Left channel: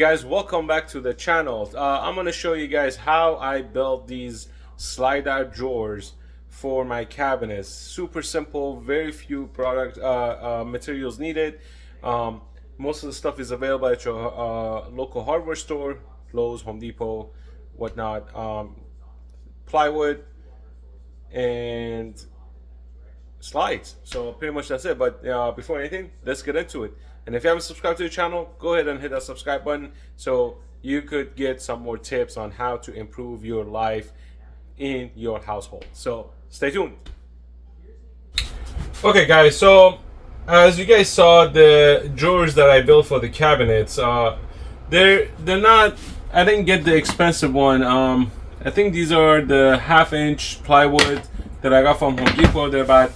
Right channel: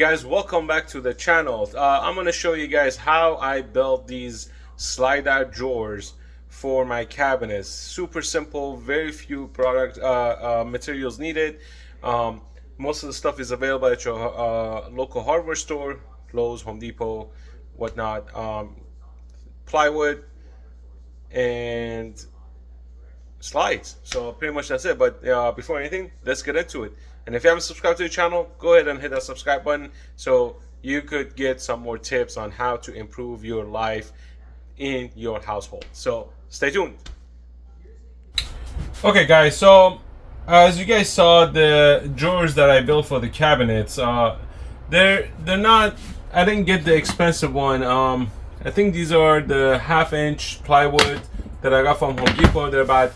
guys, welcome back to the channel. I'm going to show you guys how I built these slide out drawers for my cabinets. Super simple, very few product materials needed. Most of the stuff is available at your local hardware store, Lowe's, Home Depot, whatnot. Plywood and slides. So pretty much that's it. But before anything, let's get into it. And if you haven't subscribed to the channel, go ahead and hit that subscribe button so you could get some more tips on how to improve your life in your household. So stay tuned. Okay guys, so as you guys saw, the drawers that I built for the cabinets, they're not, I didn't get the expensive one. I think these are the 1/2-inch plywood that I got from Home Depot. They're about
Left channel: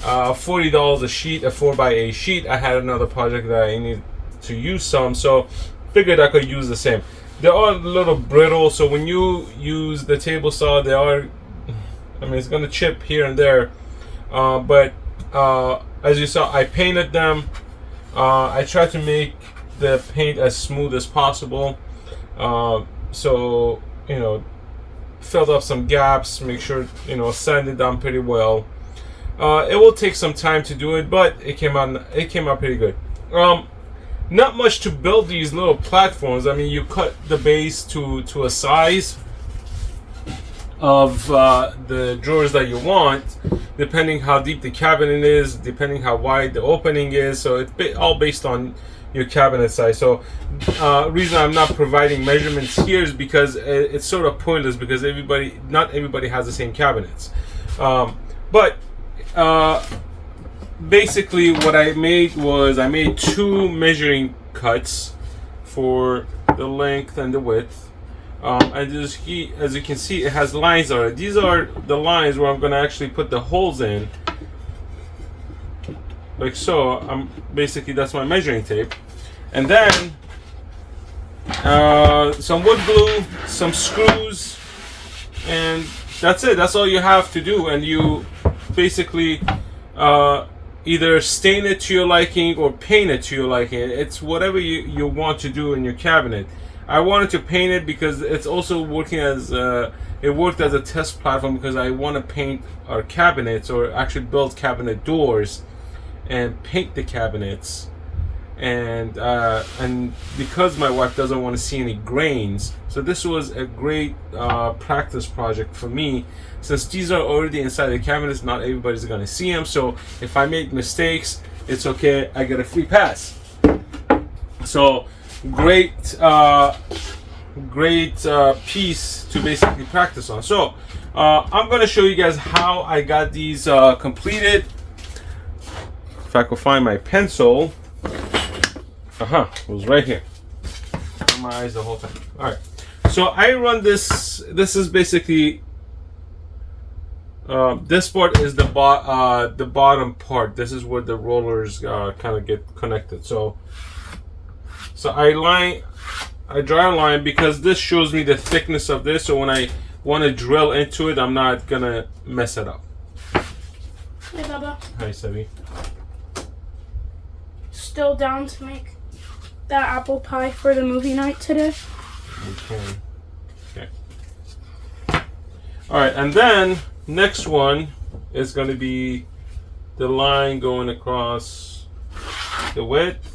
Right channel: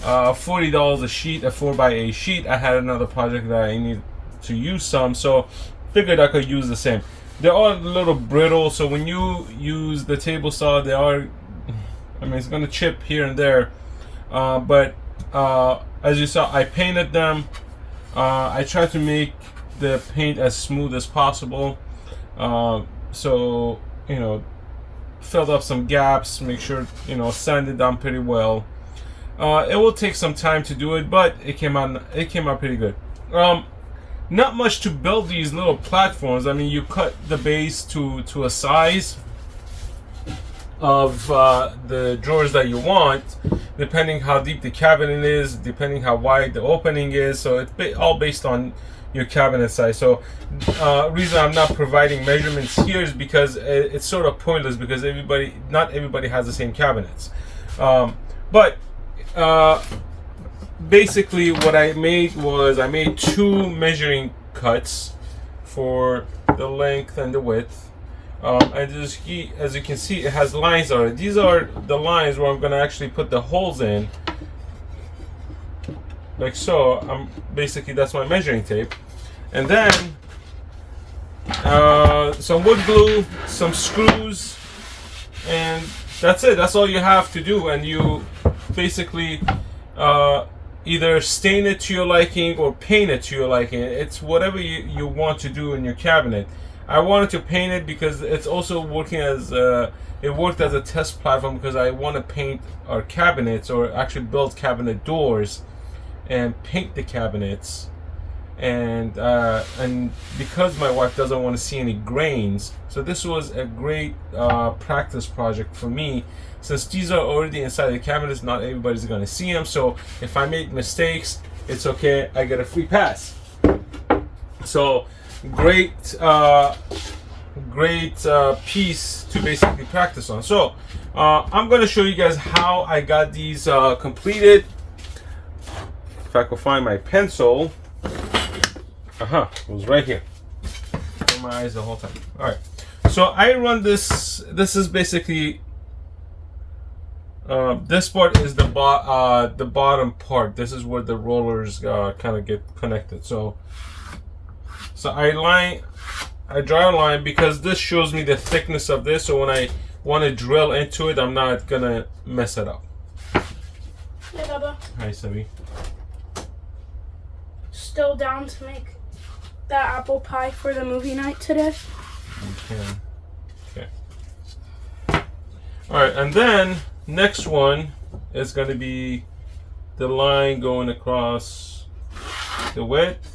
$40 a sheet, a 4x8 sheet. I had another project that I need to use some, so figured I could use the same. They're all a little brittle, so when you use the table saw, they are, I mean, it's gonna chip here and there, but as you saw, I painted them. I tried to make the paint as smooth as possible, so you know, filled up some gaps, make sure, you know, sanded down pretty well. It will take some time to do it, but it came out pretty good. Not much to build these little platforms. I mean, you cut the base to a size of the drawers that you want, depending how deep the cabinet is, depending how wide the opening is. So it's all based on your cabinet size. So reason I'm not providing measurements here is because it's sort of pointless, because not everybody has the same cabinets. But basically what I made was I made 2 measuring cuts for the length and the width. And as you can see, it has lines on it. These are the lines where I'm going to actually put the holes in, like so. Basically that's my measuring tape, and then some wood glue, some screws, and that's it. That's all you have to do. And you basically either stain it to your liking or paint it to your liking. It's whatever you want to do in your cabinet. I wanted to paint it because it's also working as it worked as a test platform, because I want to paint our cabinets, or actually build cabinet doors and paint the cabinets, and because my wife doesn't want to see any grains, so this was a great practice project for me. Since these are already inside the cabinets, not everybody's going to see them, so if I make mistakes, it's okay, I get a free pass. So great piece to basically practice on. So I'm going to show you guys how I got these completed. If I could find my pencil. It was right here. On my eyes the whole time. All right. So I run this. This is basically this part is the bottom part. This is where the rollers kind of get connected. So I draw a line because this shows me the thickness of this. So when I want to drill into it, I'm not gonna mess it up. Hey, Baba. Hi, Sebi. Still down to make that apple pie for the movie night today? You can. Okay. All right, and then next one is going to be the line going across the width.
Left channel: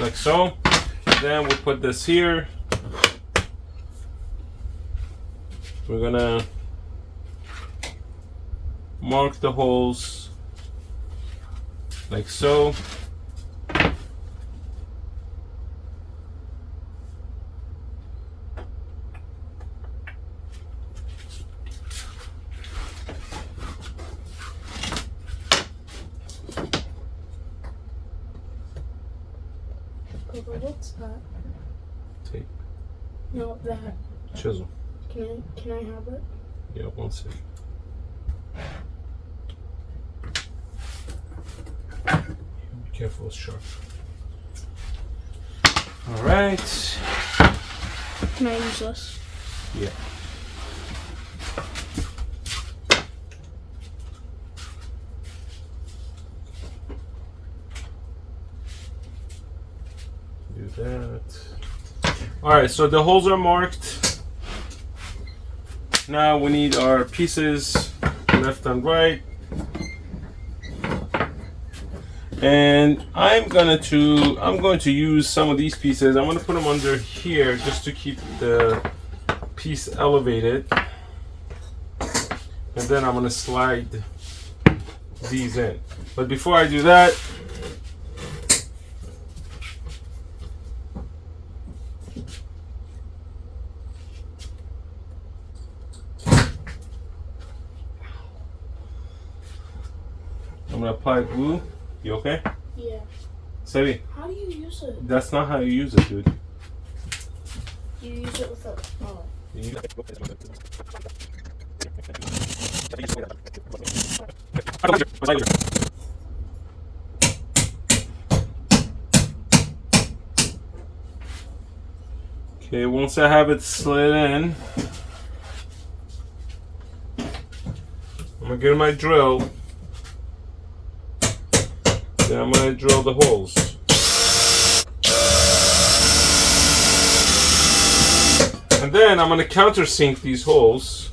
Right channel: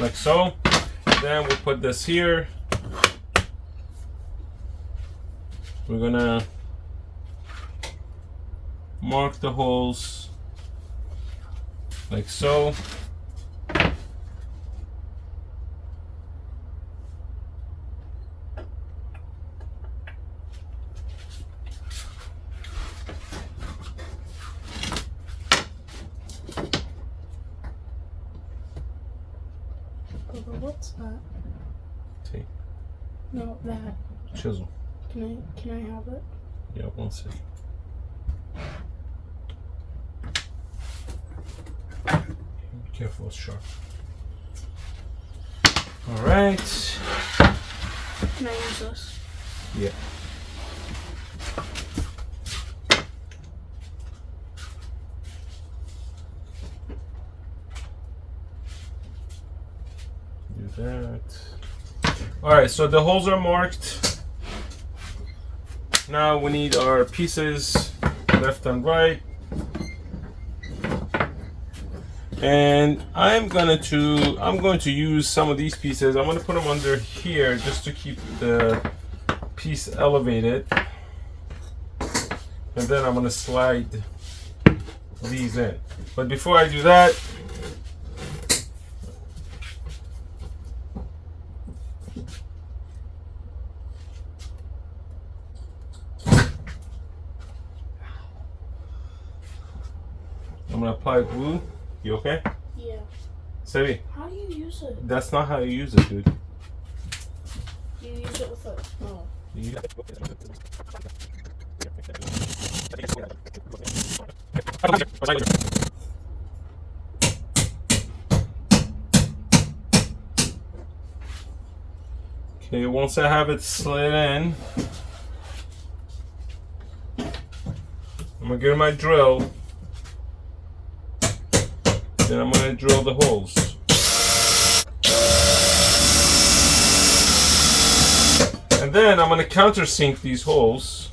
Like so. Then we'll put this here. We're gonna mark the holes like so. What's that? Tape. No, that. Chisel. Can I have it? Yeah, one second. Be careful, it's sharp. All right. Can I use this? Yeah. that. All right, so the holes are marked. Now we need our pieces left and right. And I'm going to use some of these pieces. I'm going to put them under here just to keep the piece elevated. And then I'm going to slide these in. But before I do that, I'm going to apply glue. You okay? Yeah. Sevi, How do you use it? that's not how you use it, dude. You use it with a. Oh. Okay, once I have it slid in, I'm gonna get my drill. Then I'm gonna drill the holes. And then I'm gonna countersink these holes.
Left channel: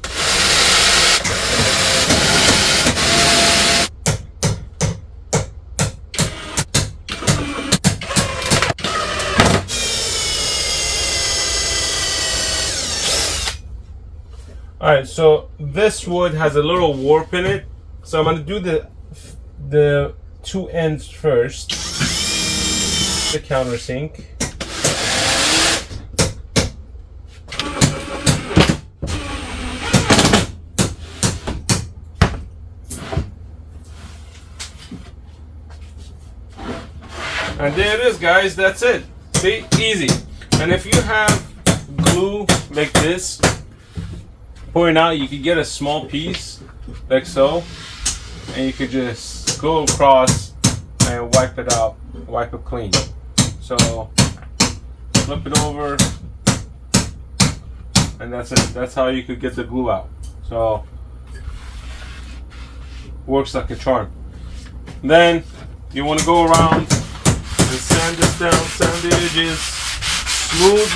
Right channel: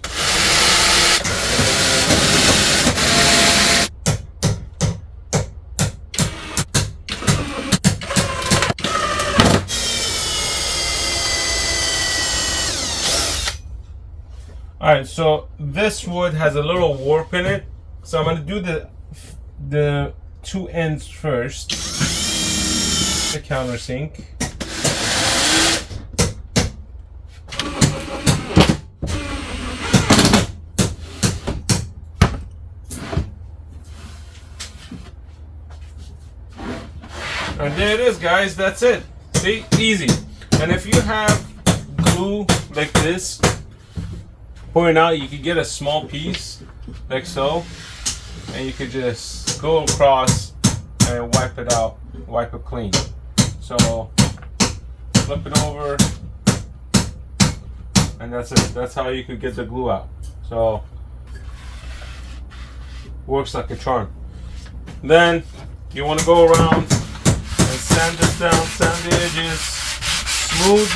Alright, so this wood has a little warp in it. So I'm gonna do the two ends first. The countersink. And there it is, guys. That's it. See? Easy. And if you have glue like this, pouring out, you could get a small piece like so, and you could just go across and wipe it out, wipe it clean. So flip it over, and that's it. That's how you could get the glue out. So works like a charm. Then you want to go around and sand this down, sand the edges smooth.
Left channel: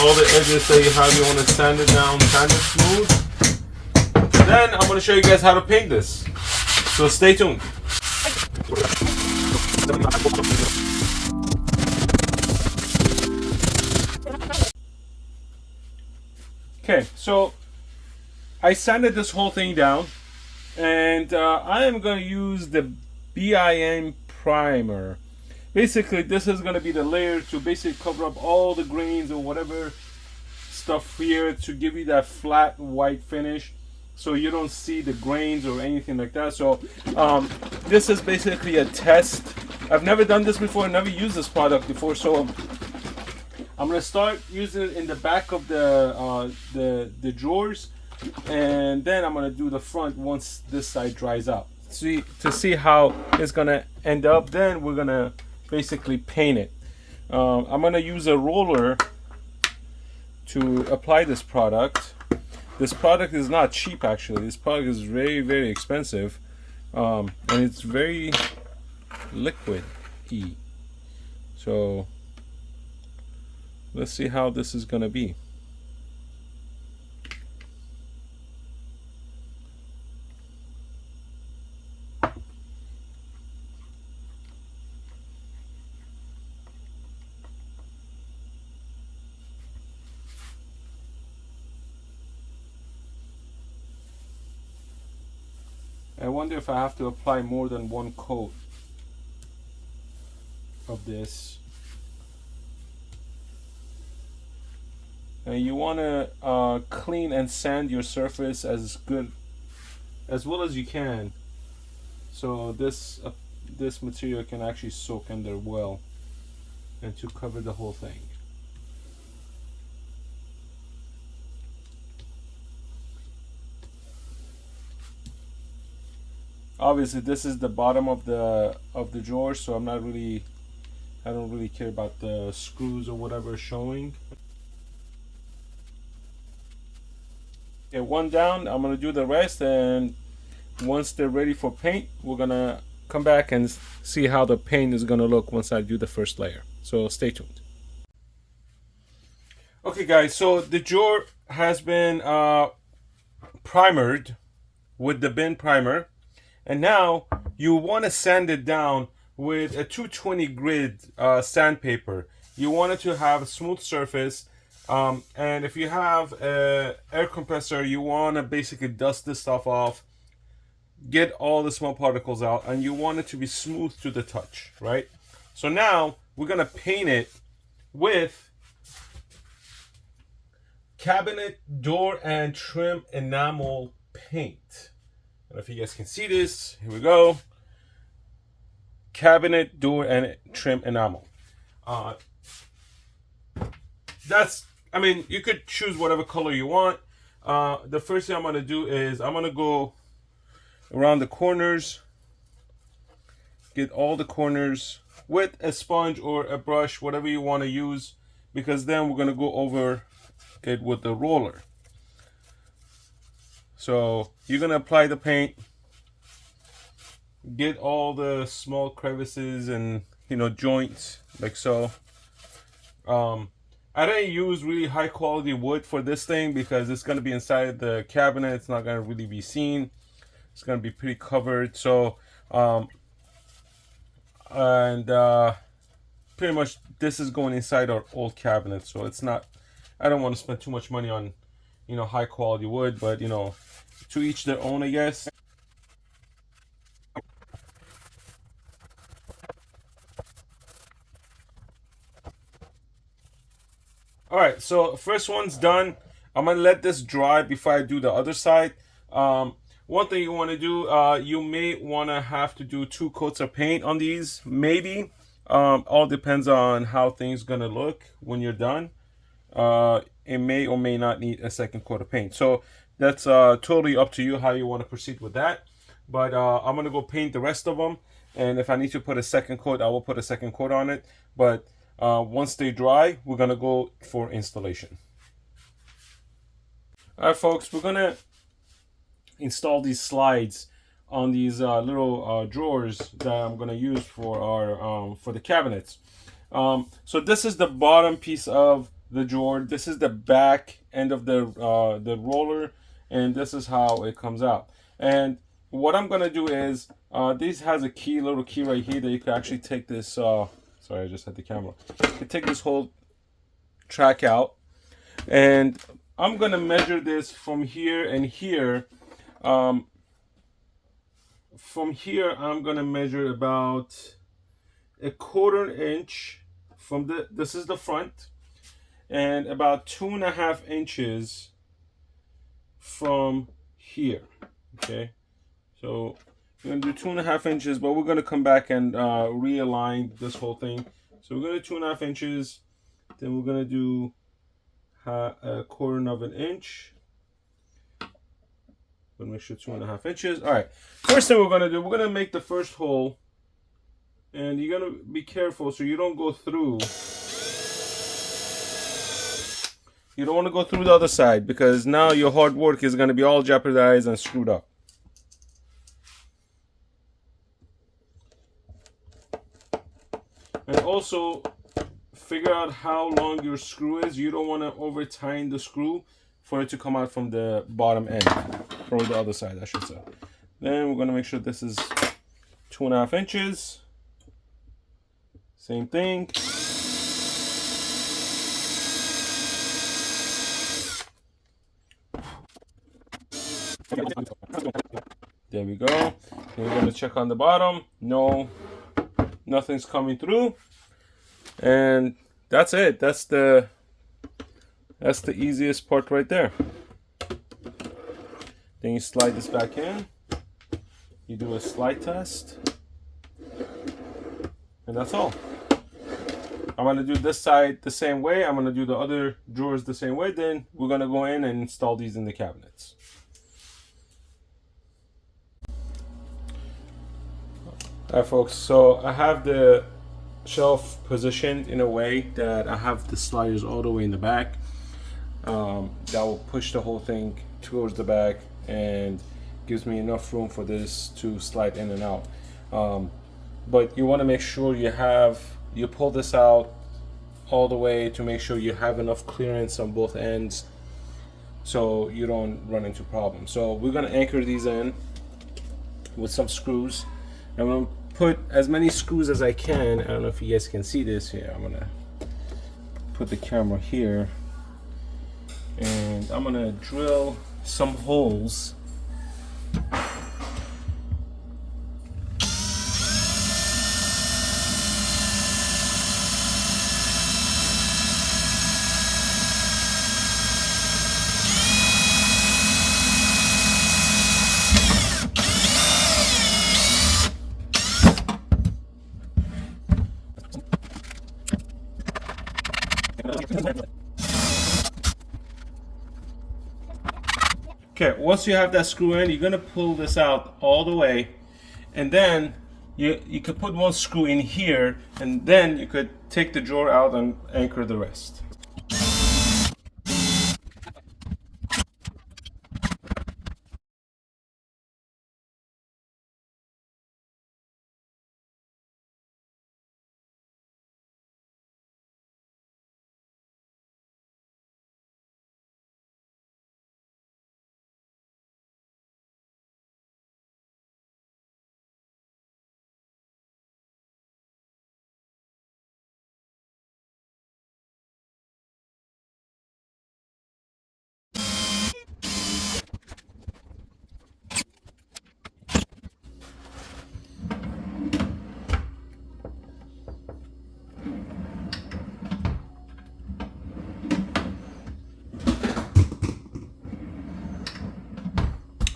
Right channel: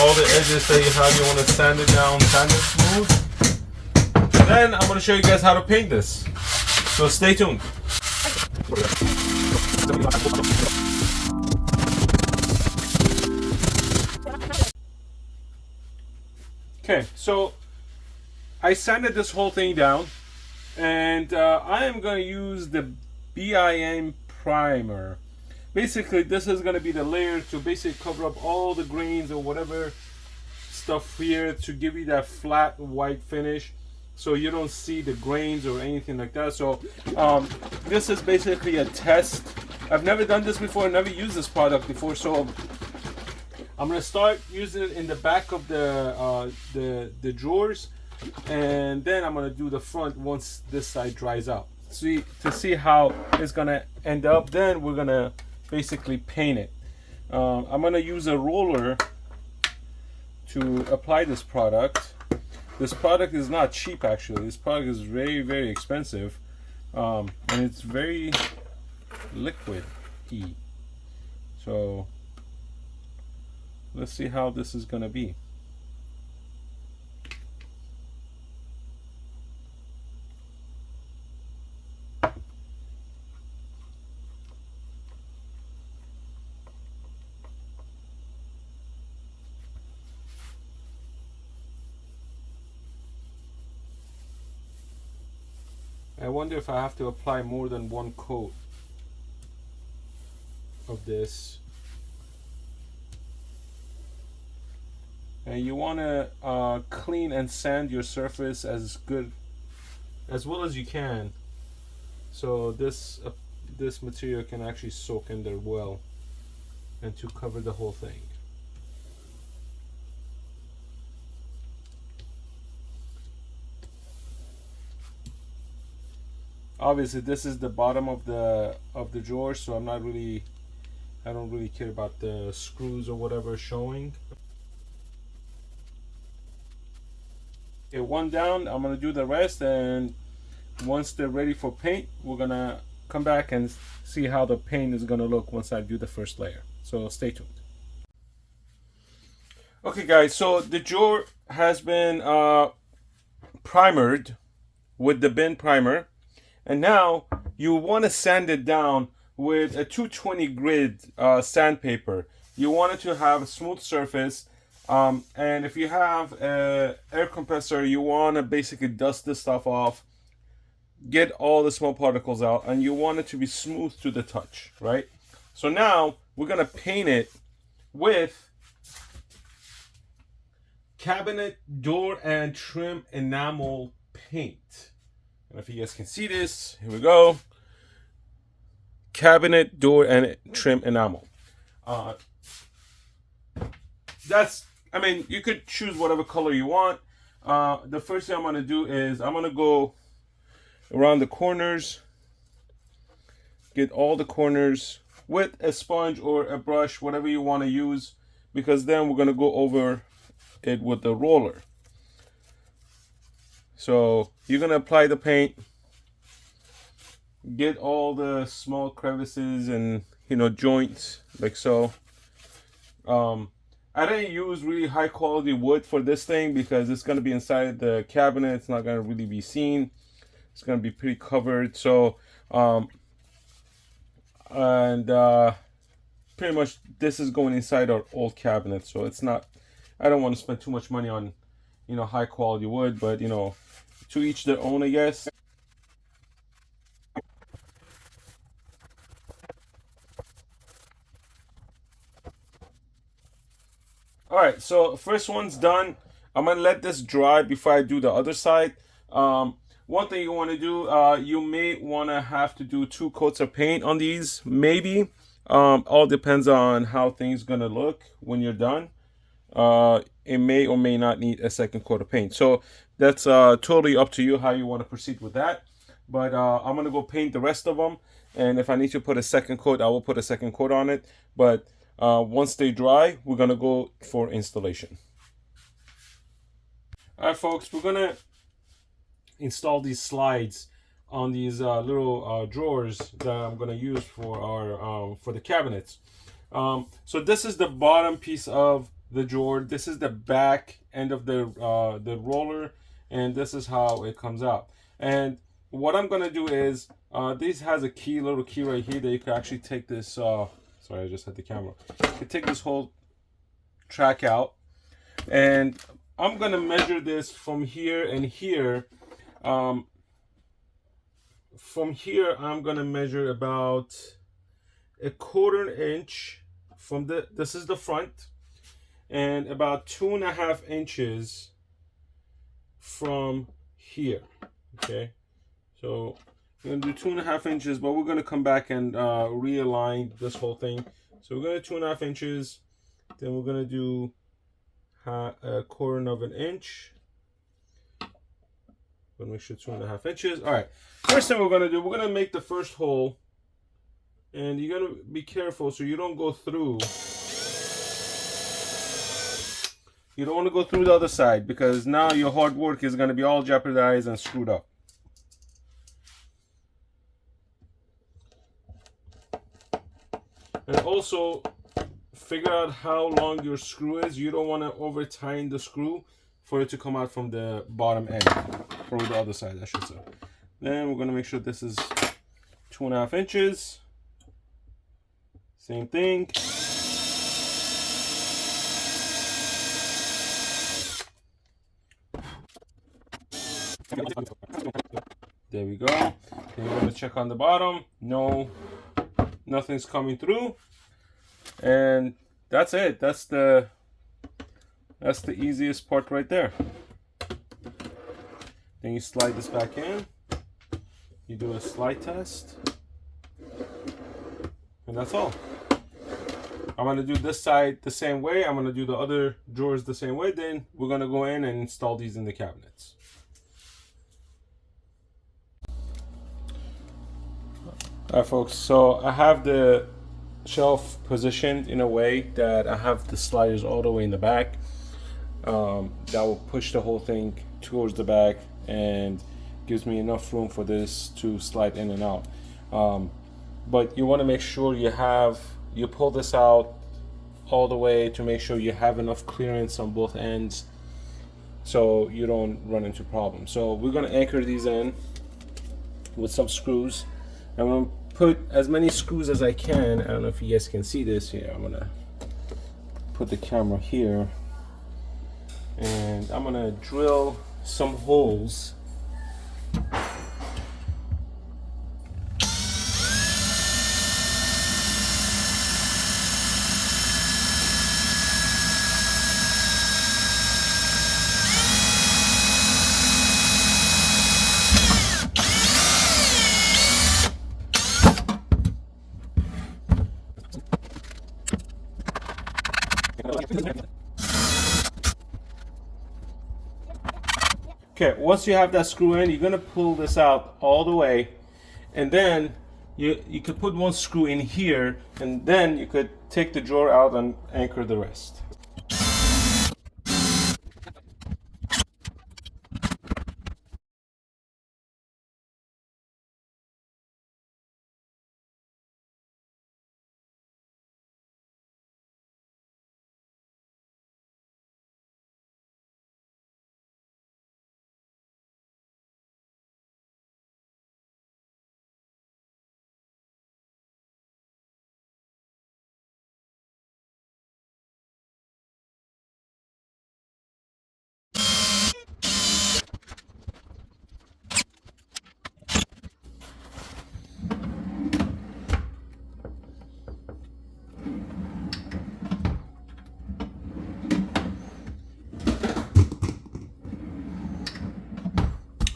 All the edges that you have, you want to sand it down, sand it smooth. Then I'm going to show you guys how to paint this. So stay tuned. Okay, so I sanded this whole thing down, and I am going to use the BIM primer. Basically, this is going to be the layer to basically cover up all the grains or whatever stuff here to give you that flat white finish, so you don't see the grains or anything like that. So this is basically a test. I've never done this before, never used this product before, so I'm going to start using it in the back of the drawers, and then I'm going to do the front once this side dries out. To see how it's going to end up. Then we're going to basically paint it. I'm going to use a roller to apply this product. This product is not cheap, actually. This product is very, very expensive, and it's very liquid-y. So let's see how this is going to be. I wonder if I have to apply more than one coat of this. And you want to clean and sand your surface as well as you can, so this material can actually soak in there well and to cover the whole thing. Obviously, this is the bottom of the drawer, so I don't really care about the screws or whatever showing. Okay, one down. I'm gonna do the rest, and once they're ready for paint, we're gonna come back and see how the paint is going to look once I do the first layer. So stay tuned. Okay guys, so the drawer has been primered with the bin primer, and now you want to sand it down with a 220 grit sandpaper. You want it to have a smooth surface, and if you have an air compressor, you want to basically dust this stuff off, get all the small particles out, and you want it to be smooth to the touch, right? So now we're gonna paint it with cabinet door and trim enamel paint. I don't know if you guys can see this. Here we go. Cabinet door and trim enamel. I mean, you could choose whatever color you want. The first thing I'm gonna do is I'm gonna go around the corners, get all the corners with a sponge or a brush, whatever you want to use, because then we're gonna go over it with the roller. So you're gonna apply the paint, get all the small crevices and joints like so. I didn't use really high quality wood for this thing because it's gonna be inside the cabinet. It's not gonna really be seen. It's gonna be pretty covered. So pretty much this is going inside our old cabinet. So it's not. I don't want to spend too much money on high quality wood, but to each their own, I guess. All right, so first one's done. I'm gonna let this dry before I do the other side. One thing you want to do, you may want to have to do 2 coats of paint on these, maybe. All depends on how things gonna look when you're done. It may or may not need a second coat of paint. So that's totally up to you how you want to proceed with that. But I'm gonna go paint the rest of them, and if I need to put a second coat, I will put a second coat on it. But once they dry, we're gonna go for installation. All right, folks, we're gonna install these slides on these little drawers that I'm gonna use for our for the cabinets. So this is the bottom piece of the drawer. This is the back end of the roller, and this is how it comes out. And what I'm gonna do is this has a little key right here that you can actually take this. Sorry, I just had the camera. You can take this whole track out, and I'm gonna measure this from here and here. From here, I'm gonna measure about a 1/4 inch from this is the front, and about 2.5 inches from here. Okay, so we're gonna do 2.5 inches, but we're gonna come back and realign this whole thing. So we're gonna do 2.5 inches, then we're gonna do a 1/4 of an inch. Gonna make sure 2.5 inches. All right. First thing we're gonna do, we're gonna make the first hole, and you're gonna be careful so you don't go through. You don't want to go through the other side because now your hard work is gonna be all jeopardized and screwed up. And also figure out how long your screw is. You don't want to over tighten the screw for it to come out from the bottom end, or the other side, I should say. Then we're gonna make sure this is 2.5 inches. Same thing. There we go. Then we're gonna check on the bottom. No, nothing's coming through. And that's it. That's the easiest part right there. Then you slide this back in. You do a slide test. And that's all. I'm going to do this side the same way. I'm going to do the other drawers the same way. Then we're going to go in and install these in the cabinets. Alright folks, so I have the shelf positioned in a way that I have the sliders all the way in the back. That will push the whole thing towards the back and gives me enough room for this to slide in and out. But you want to make sure you pull this out all the way to make sure you have enough clearance on both ends so you don't run into problems. So we're going to anchor these in with some screws. I'm going to put as many screws as I can. I don't know if you guys can see this here. I'm going to put the camera here and I'm going to drill some holes. Okay, once you have that screw in, you're gonna pull this out all the way, and then you could put one screw in here, and then you could take the drawer out and anchor the rest.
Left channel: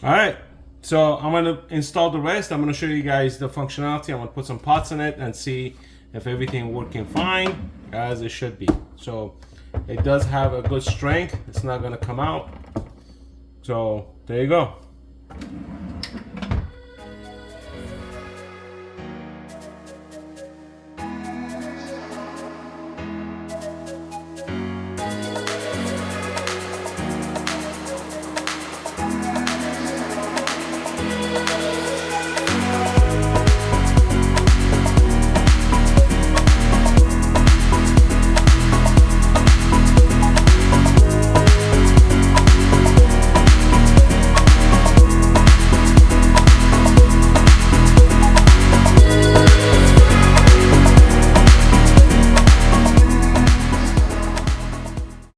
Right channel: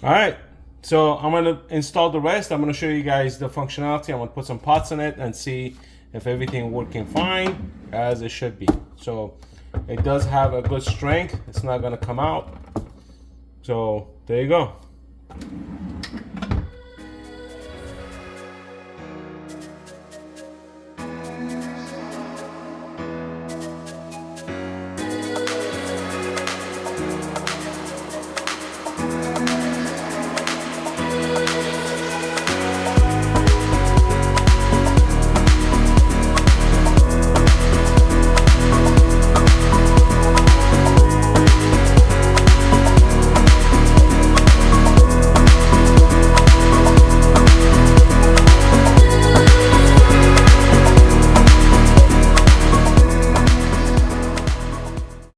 All right, so I'm gonna install the rest. I'm gonna show you guys the functionality. I'm gonna put some pots in it and see if everything working fine as it should be. So it does have a good strength. It's not gonna come out. So there you go.